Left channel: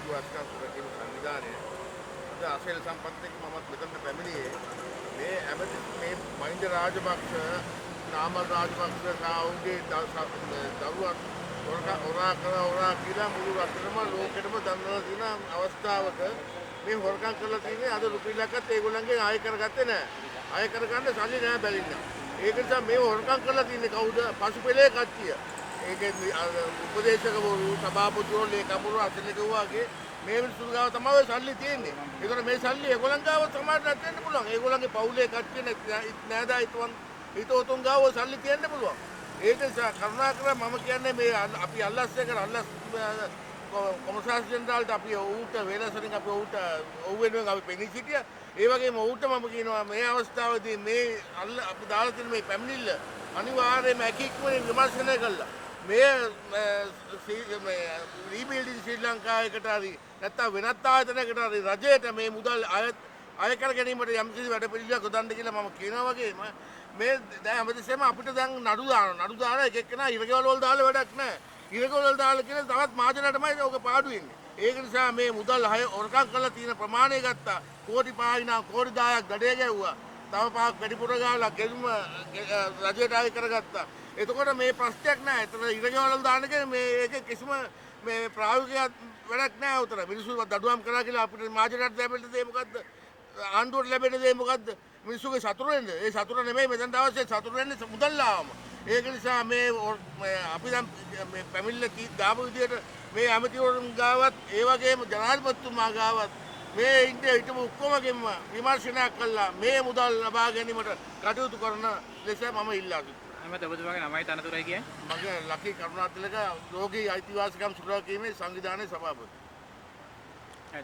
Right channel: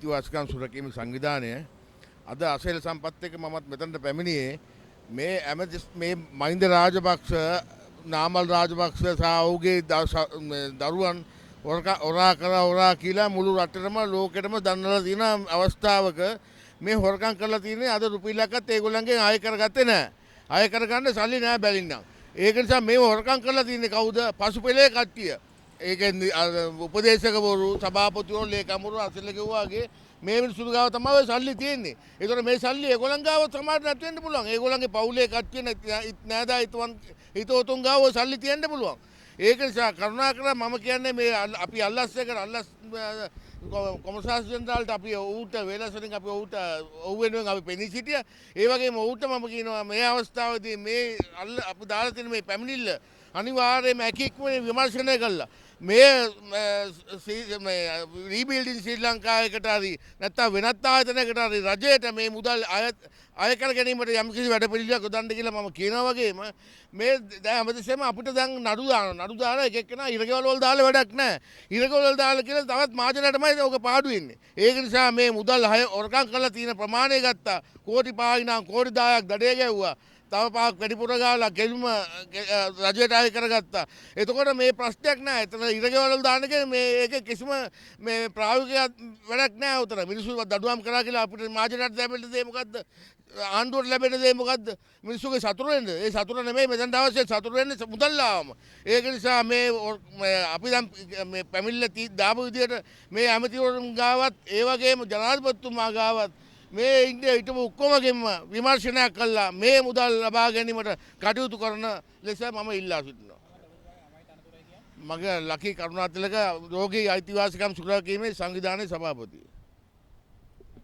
අයිතිවාසිකම් සුරකීම සංවිධානය අද අසේල සම්පත් එක්ක මමත් මෙතනට පැමිණියේ මේ ඇමති මේ මහින්ද රාජපක්ෂ නාමල් රාජපක්ෂ සහ ඔහුගේ දරුවන් ඔරා කියලා මුළු රටටම ලෝකෙටම දන්නලා තියෙන අවස්ථාවක මේ හොරකම් කරලා තියෙන්නේ අද රුපියලක්වත් ඒගොල්ලන්ගෙන් ආය කරගත්තේ නැහැ. ආය කරගන්න සල්ලි නැහැ බැලින්න. ඒක නිසා මේව හොරකම් කරලා තියෙන්නේ කවුද? පසුපෙළේ කට්ටිය. ඒකෙන් උපදේශකවරු, සභාපතිවරු, ලේකම්වරු අසල ගිහුවාගේ මේ මිනිස්සු ගාව තමයි සල්ලි තියෙන්නේ. ඒතකොට මේ සල්ලි ඒගොල්ලන් ගාව සමාජයට දෙන්න පුළුවන්. ඒගොල්ලන්ගේ පවුලේ කට්ටිය නෑදා හිතවතුන් ගාව සල්ලි තියෙන්න පුළුවන්. ඒක නිසා කරුණාකරලා මම කියන්නේ මේ අපි අල්ලස් එක අල්ලස් කොමසාරිස් ජෙනරාල්ට අපි ඌට වේලසනින් අපි ඌට ඔව් වෙනුවෙන් අපි පෙනී සිටියා. ඒ වගේම ඌට මම කියනවා මේ අවස්ථාවේදී මේ අපි දාලා තියෙන මේ පැමිණිල්ල අනිවාර්යයෙන්ම ඇකික්මනේ විමර්ශනය කළා. මේ රීබිල්ඩින් ශ්‍රී ලංකාවකට හරි නැත්නම් වෙනත් ආයතනයකට හරි රජයට මේ මුදල් අය කර ගැනීමට යම්කිසි වැඩ පිළිවෙලක් යොදන්න කියලා මම කියනවා වගේම මේ දැන් හැමතිස්සෙම අපිට දැන් නඩු දාන එක එක්කෙනා ඉරගෙවල් වල දාලා වැඩක් නැහැ. ඉරගෙවල් වල දාලා කියලා තවත් මහජනයටමයි ඔක පාඩු වෙන්නේ. ඒක නිසා මේ මුදල් හොරකම් කරලා තියෙන ප්‍රමාණය ගත්තා. කෝටි 5යි නම් කෝටි 10ක් දඩේ ගැව්වා. තව පාක් වැඩිපුර ගාලා ගෙල්ම රජයට ආය කරගත්තා. එතකොට මේ ප්‍රශ්නයක් නැහැ. එතන ඉරගෙවල් දාන එක මේ ඒක කිසිම මේ ප්‍රායෝගික වැඩක් නැහැ උතර. මිනිස්සු දඩුවම් කරා කියලා අපිට මහජනයට ලැබෙන්න දේ මොකද්ද? ආණ්ඩුවට ලැබෙන දේ මොකද්ද? මිනිස්සුගේ සතුට වෙන්න. ඒ සතුට නෙමෙයි මෙතනට අවශ්‍ය සතුට වෙන්නේ මුදල් ආවම. ඒක නිසා මේ අපි දැන් මේ පැමිණිල්ල දාපු විදිහට මේ ඇමතිවරුන් ගාවත් ඒ වගේම ජනාධිපතිතුමා ගාවත් මේ ඉන්දියා හිටපු ඔක්කොමගෙම විමර්ශනයක් කළා මේ මුදල් ලබා ගැනීමට කටයුතු කරන ලෙස මම ඉල්ලා සිටිනවා. එහමද ඔබතුමාගේ නමයි තනතුරයි කියන්නේ? මගේ ලකී කරුණාතිලක රෝගී අයිතිවාසිකම් සුරැකීමේ සංවිධානයේ සභාපති.